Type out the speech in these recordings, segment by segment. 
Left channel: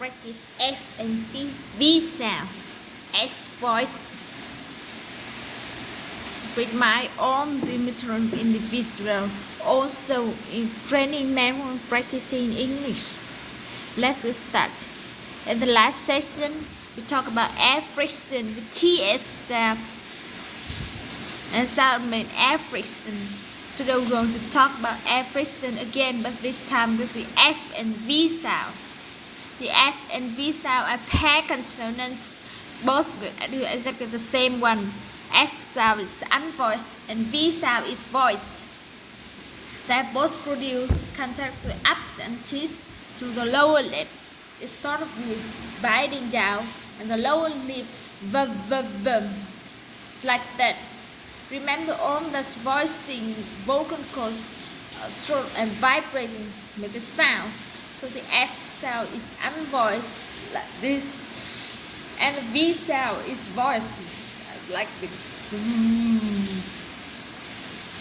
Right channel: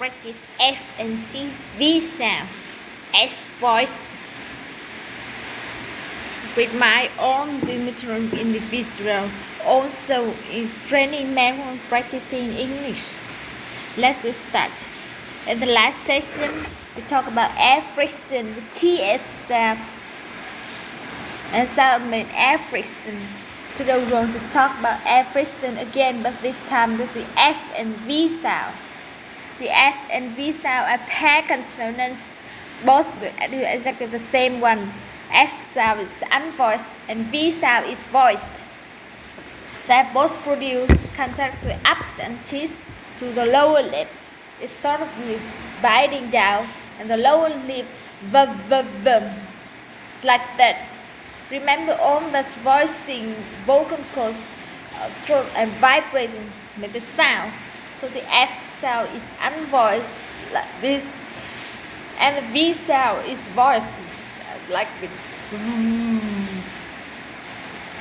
practice F and C V sound. S voice with my own limited individual. Also in training manual practicing English. Let's do start. In the last session, we talk about affixation with TS sound and sound mean affixation. Today we want to talk about affixation again, but this time with the F and V sound. The F and V sound are pair consonants, both with exactly the same one. F sound is unvoiced and V sound is voiced. They both produce contact with up and teeth to the lower lip. It's sort of biting down and the lower lip like that. Remember all this voicing, vocal cords, throat and vibrating with the sound. So the F sound is unvoiced like this, and the V sound is voiced like this.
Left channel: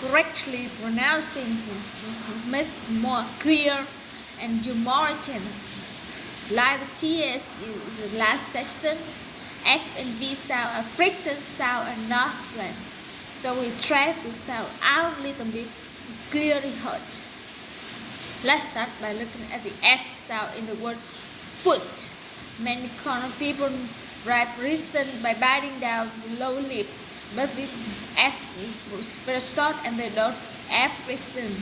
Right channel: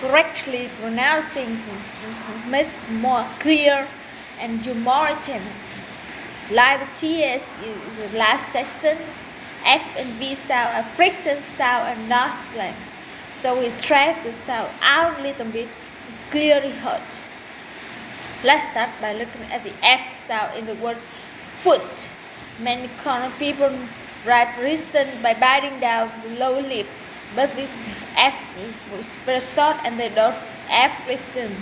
Correctly pronouncing make more clear and humorous. Like the TS in the last session, F and V sound are friction sound and not blank. So we try to sound out a little bit clearly heard. Let's start by looking at the F sound in the word foot. Many common people write listen by biting down the lower lip, but the F is very short and they don't F listen.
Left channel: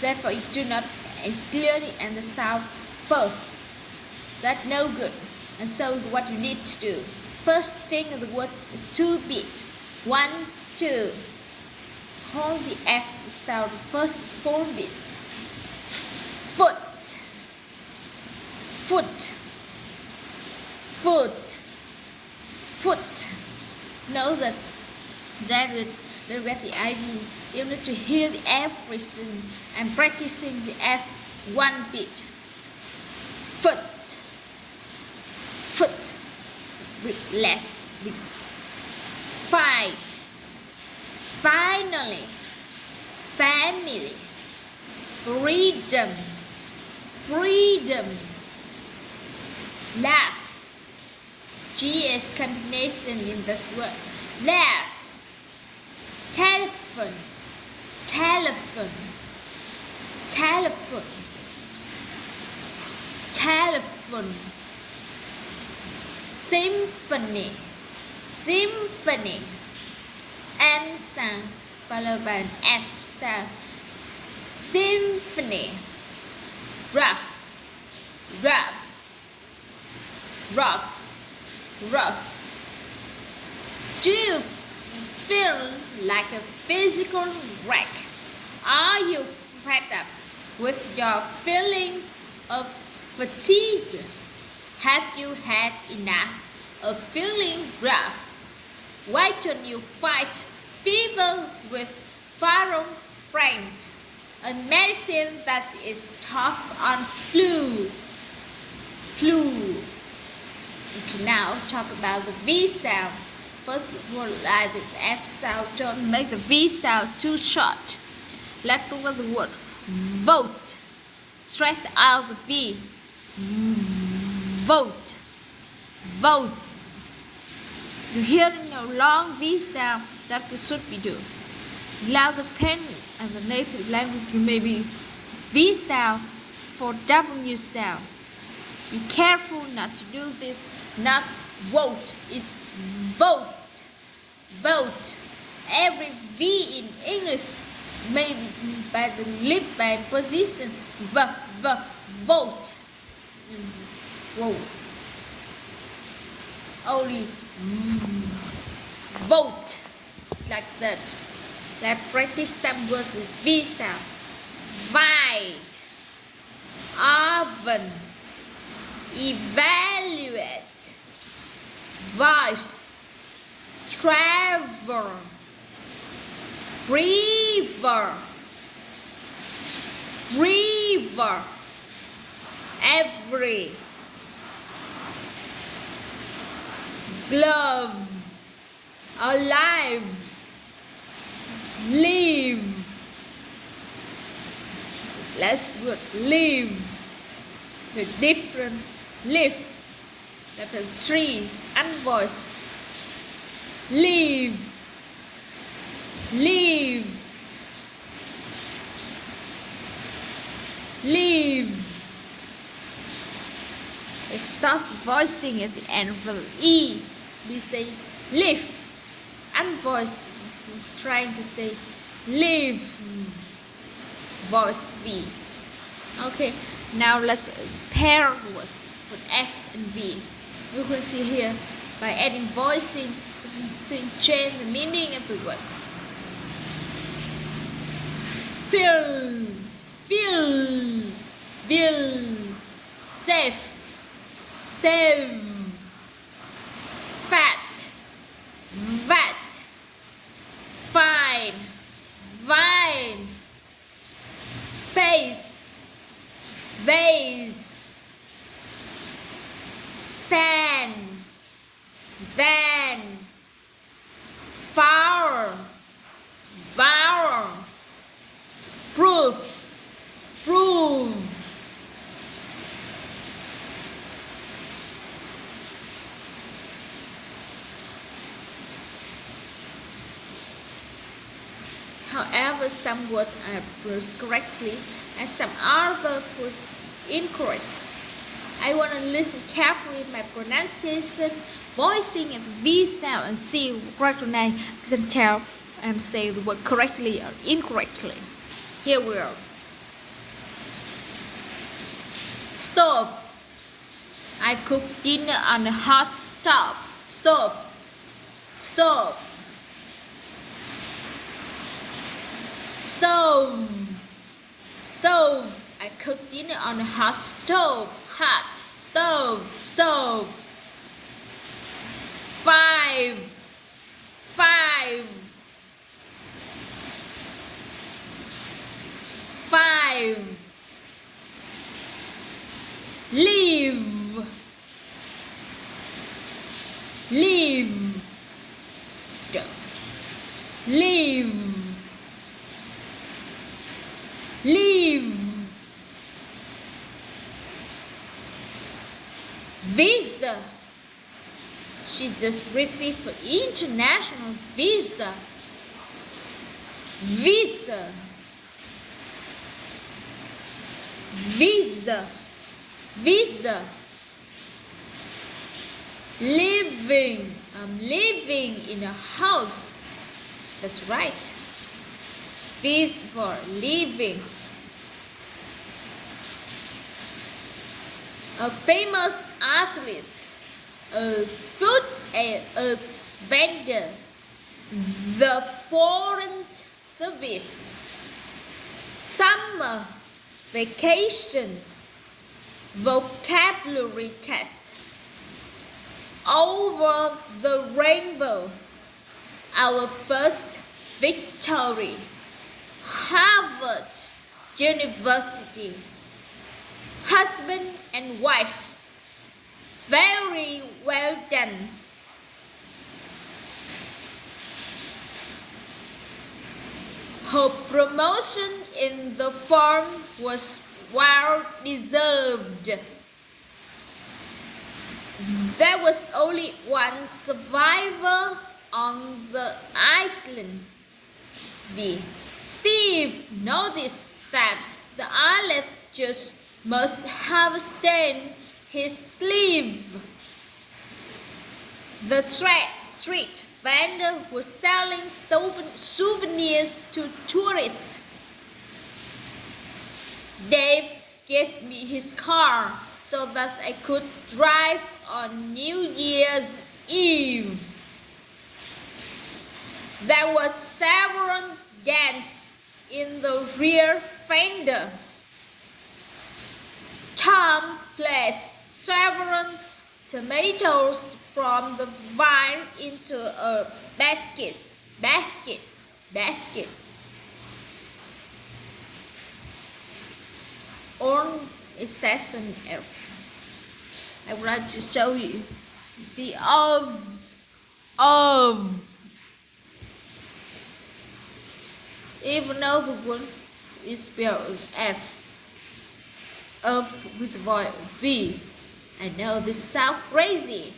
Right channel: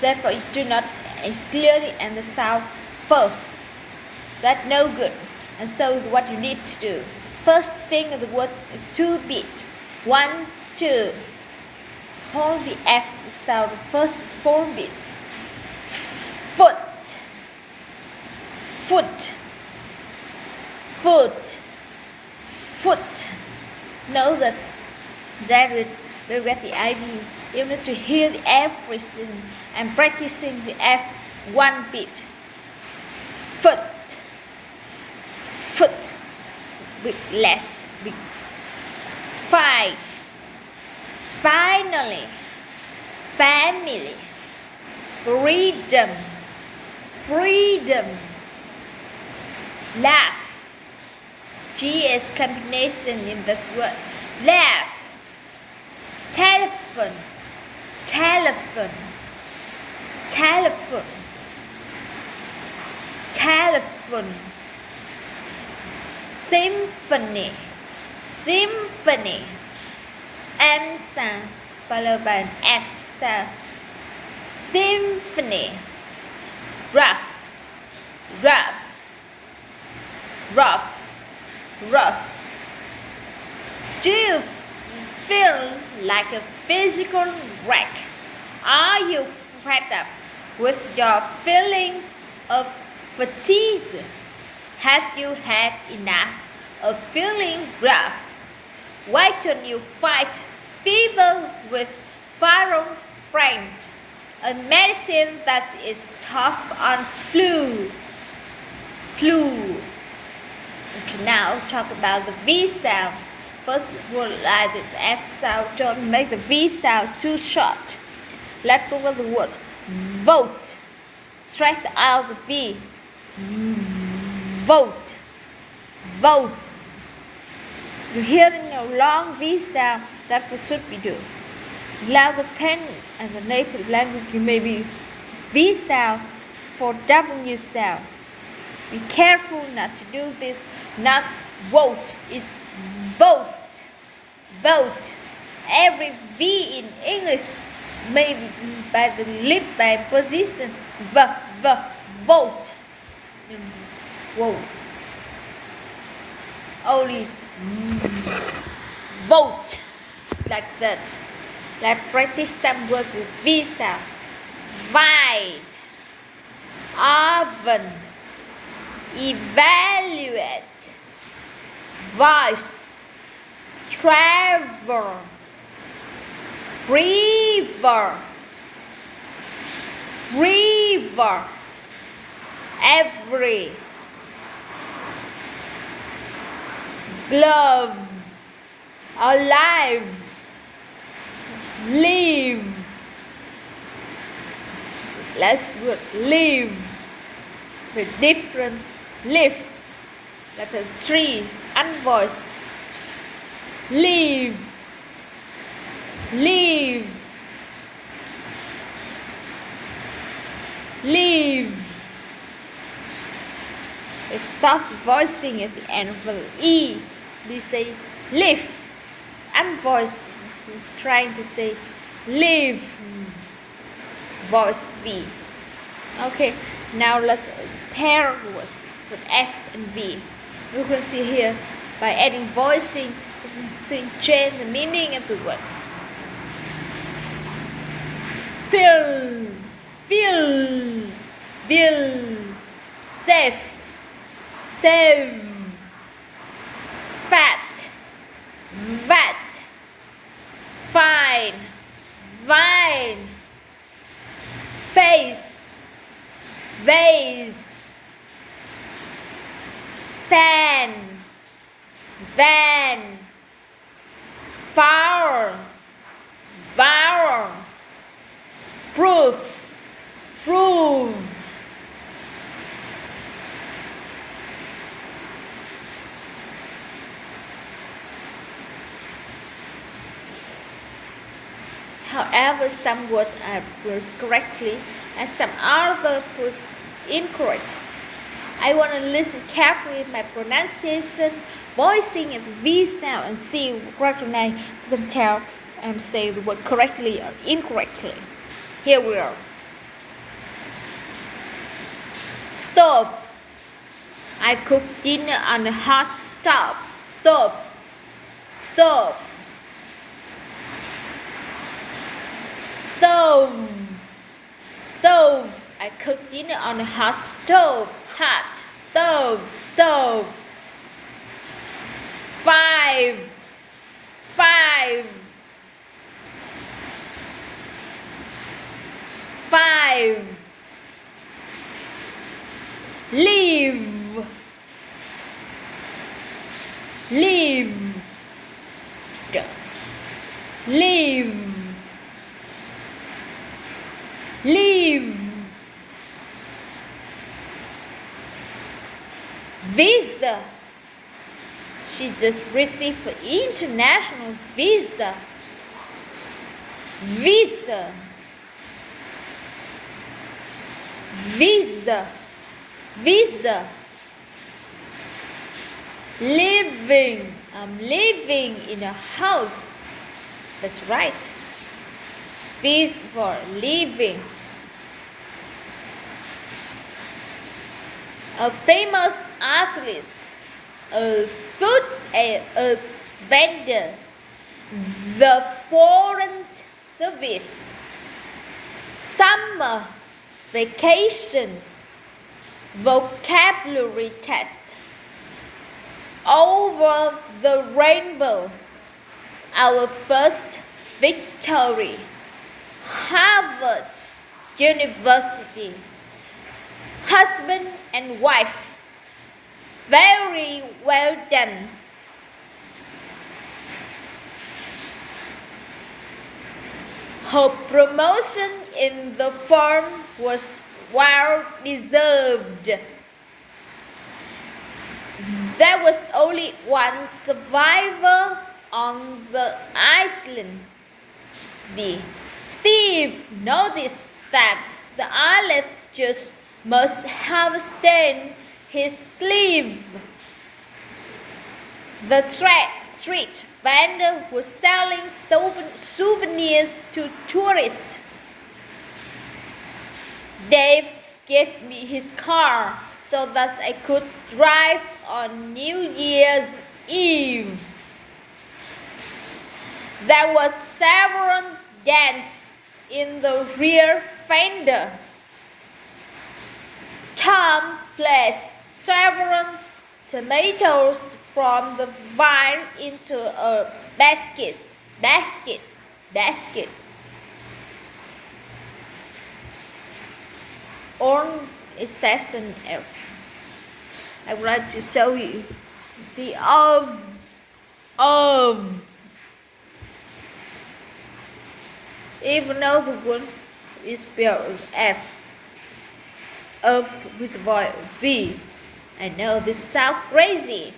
Therefore, you do not clearly understand first. That's no good. And so what you need to do. First thing of the word 2 beat. 1, 2. Hold the F sound first 4 beat. Foot. Foot. Foot. Foot. Know that Jared will get the idea. You need to hear the F listen and practicing the F 1 beat. Foot. Foot with less beat. Fight. Finally. Family. Freedom. Freedom. Laugh. GS combination in this word. Laugh. Telephone. Telephone. Telephone. Telephone. Symphony. Symphony. M sound followed by an F sound. Symphony. Rough. Rough. Rough. Rough. Do you feel like a physical wreck? Are you fed up with your feeling of fatigue? Have you had enough of feeling rough? Why don't you fight fever with Faron friend, a medicine that is tough on flu? Flu. Okay, now talk about the V sound. First of all, like the F sound, don't make the V sound too short. Let's go with the word vote. Strike out the V. Vote. Vote. You hear in your long V sound, that's what should be do. Allow the pen and the native language, you may be V sound for W sound. Be careful not to do this. Not vote, is vote. Vote. Every V in English may be by the lip by position. Vote. Whoa. Only vote like that. Let's practice some words with V sound. Vine. Oven. Evaluate. Voice. Travel. River. River. Every. Glove. Alive. Live. Let's live with different Live. Letter 3, unvoiced. Leave. Leave. Leave. Stop voicing at the end of the E. We say live. Unvoiced. Trying to say live. Voice V. Okay, now let's pair words with F and V. You can see here by adding voicing, you can change the meaning of the word. Fill, fill, bill, safe, save, fat, vat, fine, vine, face, vase, fan, van, flower, bower, proof, prove. However, some words are pronounced correctly and some other pronounced incorrect. I want to listen carefully to my pronunciation, voicing and V sound and see, recognize, you can tell and say the word correctly or incorrectly. Here we are. Stove. I cook dinner on a hot stove. Stove. Stove. Stove. Stove. I cook dinner on a hot stove. Hot stove. Stove. Five. Five. Five. Leave. Leave. Leave. Leave. Visa. She just received an international visa. Visa. Visa. Visa. Living. I'm living in a house. That's right. V for living. A famous athlete, a food a vendor, the foreign service, summer vacation, vocabulary test, over the rainbow, our first victory, Harvard University, husband and wife, very well done. Her promotion in the firm was well deserved. There was only one survivor on the island. Steve noticed that the island just must have stained his sleeve. The street vendor was selling souvenirs to tourists. Dave gave me his car so that I could drive on New Year's Eve. There were several dents in the rear fender. Tom placed several tomatoes from the vine into a basket. On exception, I would like to show you the of. Even though the word is spelled F, of with voice V, I know this sounds crazy.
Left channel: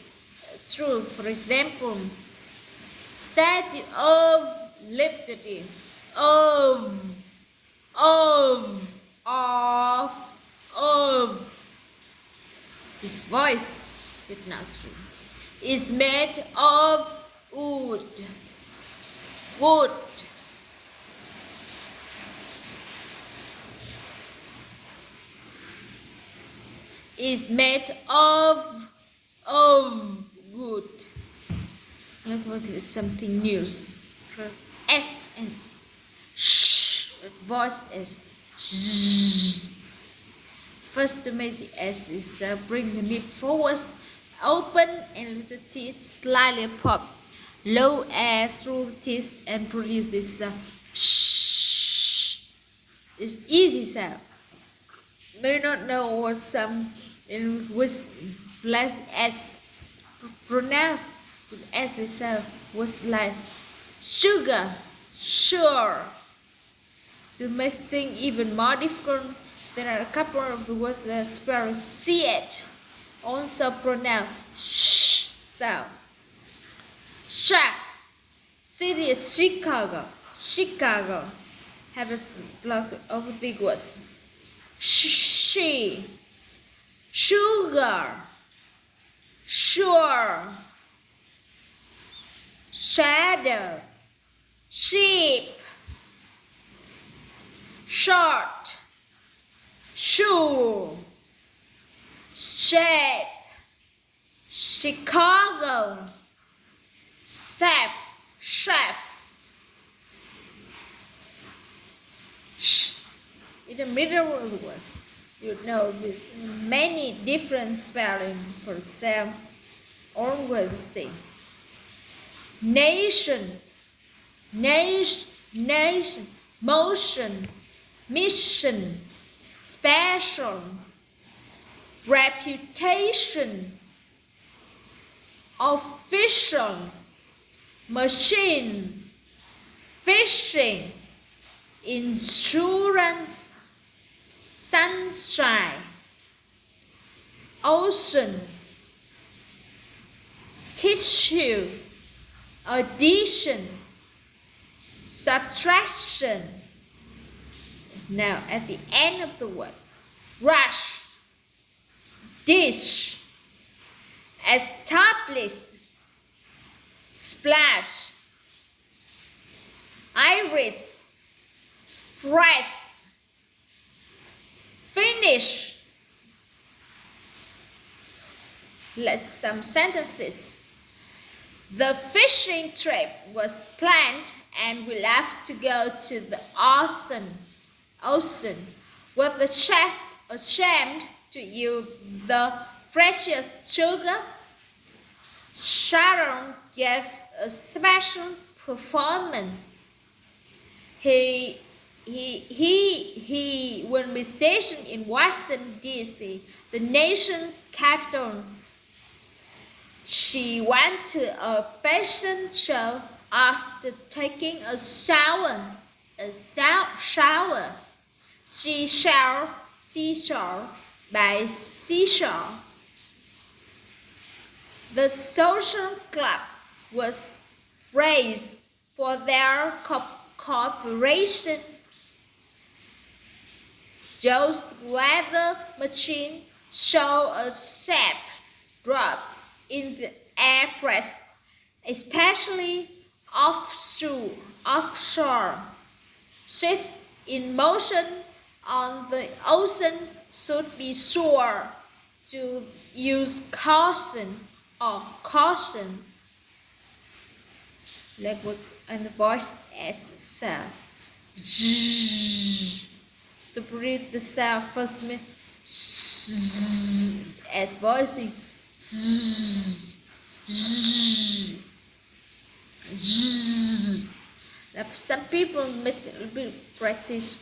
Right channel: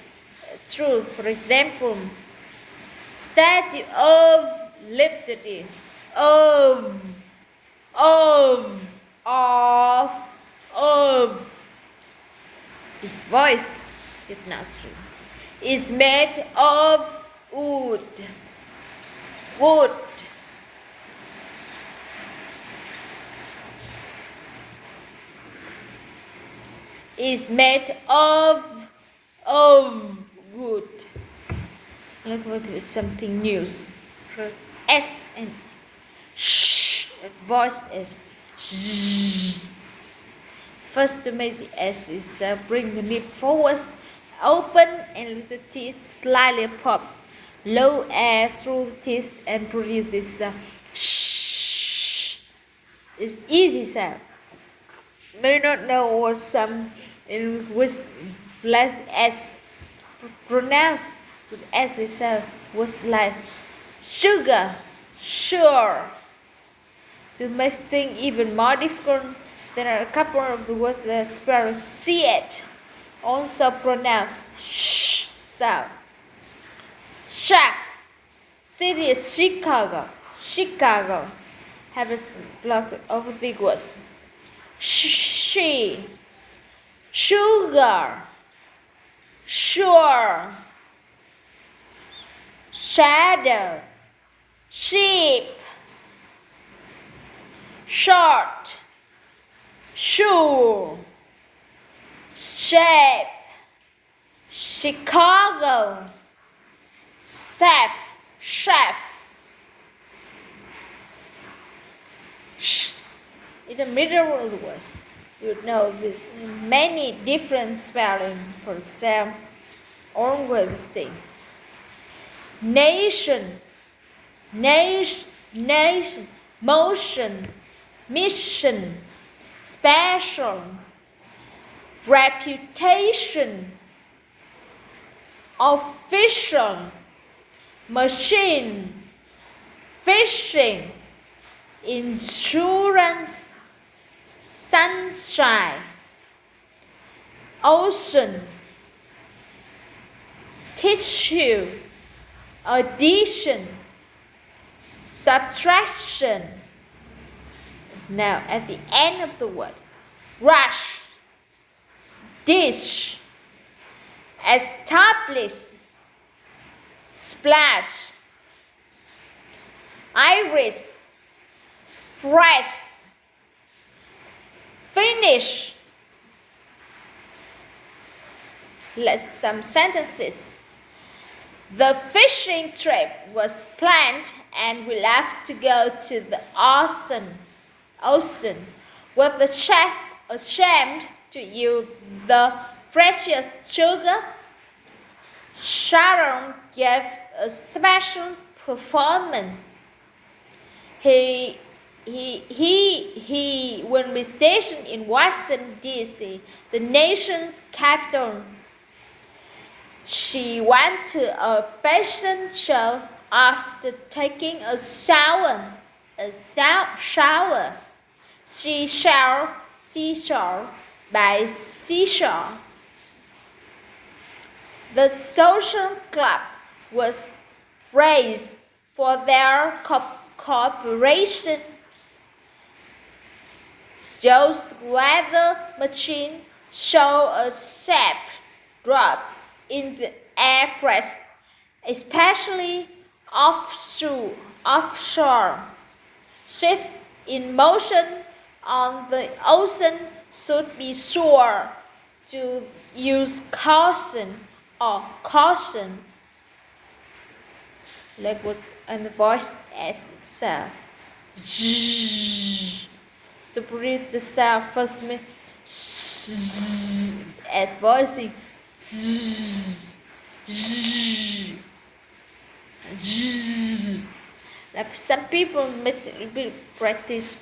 True, for example, Statue of Liberty. Of, of, of. His voice is not true. Is made of wood. Wood. Is made of wood. Let's go to something new. S and sh. Voice is sh. First to make the S is bring the lip forward, open and little teeth slightly pop. Blow air through the teeth and produce this sh. It's easy sound. May not know what some in which less S pronounced with S itself was like sugar, sure. To make things even more difficult, there are a couple of the words that spell it, also pronounced sh sound. Chef, city is Chicago. Chicago have a lot of big words. She, sugar, sure, shadow, sheep, short, shoe, shape, Chicago, chef. In the middle of the words, you know there's many different spelling for example, always the same. Nation, motion, mission, special, reputation, official, machine, fishing, insurance, sunshine, ocean, tissue, addition, subtraction. Now at the end of the word, rush, dish, establish, splash, iris, press, finish. Let's some sentences. The fishing trip was planned and we left to go to the ocean. Was the chef ashamed to use the precious sugar? Sharon gave a special performance. He will be stationed in Washington, D.C., the nation's capital. She went to a fashion show after taking a shower. Seashore by seashore. The social club was praised for their cooperation. Joe's weather machine showed a sharp drop in the air pressure, especially offshore. Ships in motion on the ocean should be sure to use caution. Like what and the voice as sound. To breathe the sound first means at voicing. Like some people practice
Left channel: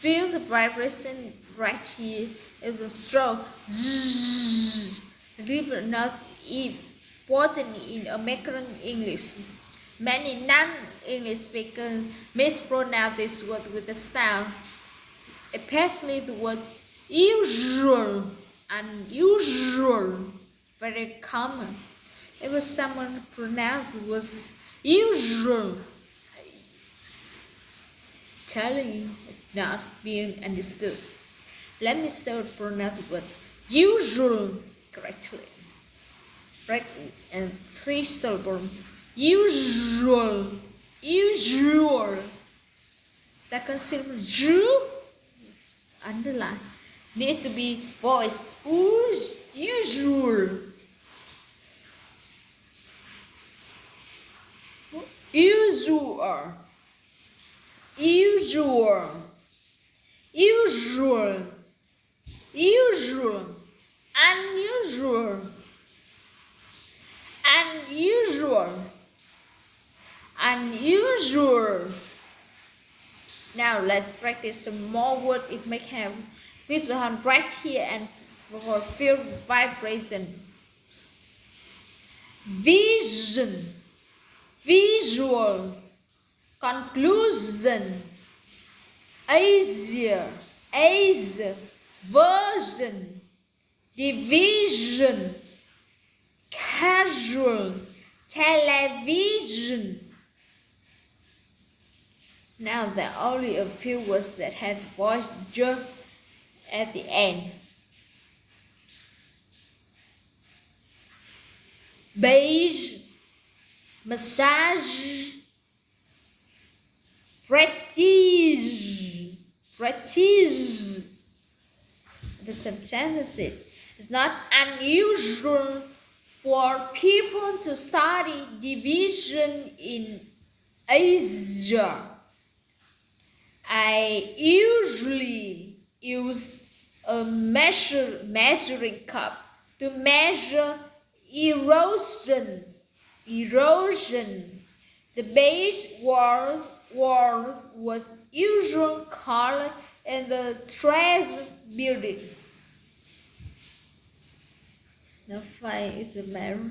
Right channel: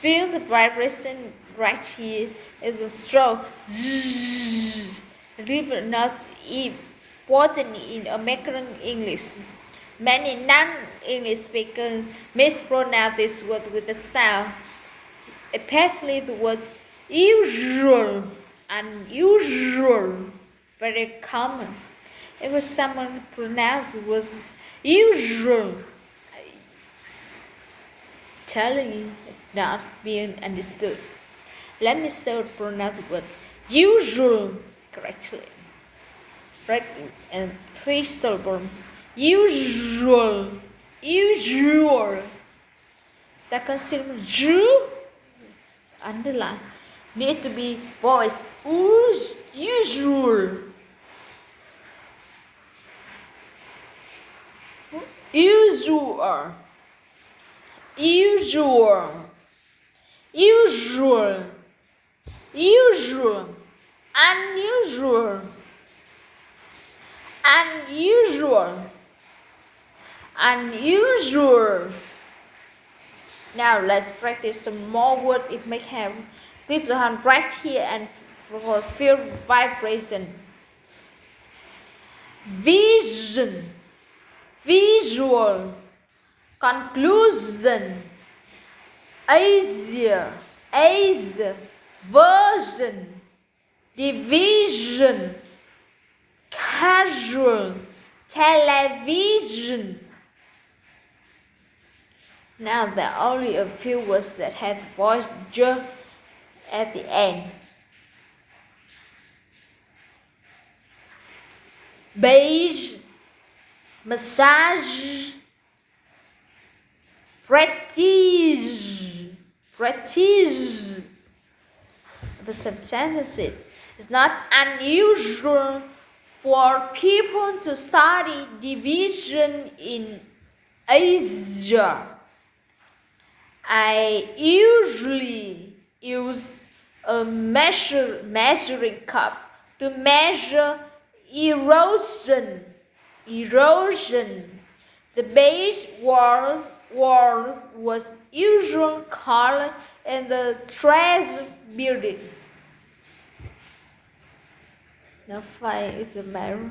feel the vibration right here in the throat. River not important in American English. Many non-English speakers mispronounce this word with the sound, especially the word usual. unusual, very common. If someone pronounced it was usual, telling you not being understood. Let me start pronounce the word usual correctly. Right, and 3 syllables. Usual, usual. Second syllable, underline. Need to be voiced. Usual. Usual. Usual. Usual. Usual. Unusual. Unusual. Unusual. Now let's practice some more words. It may have grip the hand right here and for feel vibration. Vision, visual, conclusion, Asia, version, division, casual, television. Now there are only a few words that has voice j at the end. Beige, massage, prestige. But some sentences, it's not unusual for people to study division in Asia. I usually use a measuring cup to measure erosion. The beige walls was usual color in the treasure building. The fire is a mirror.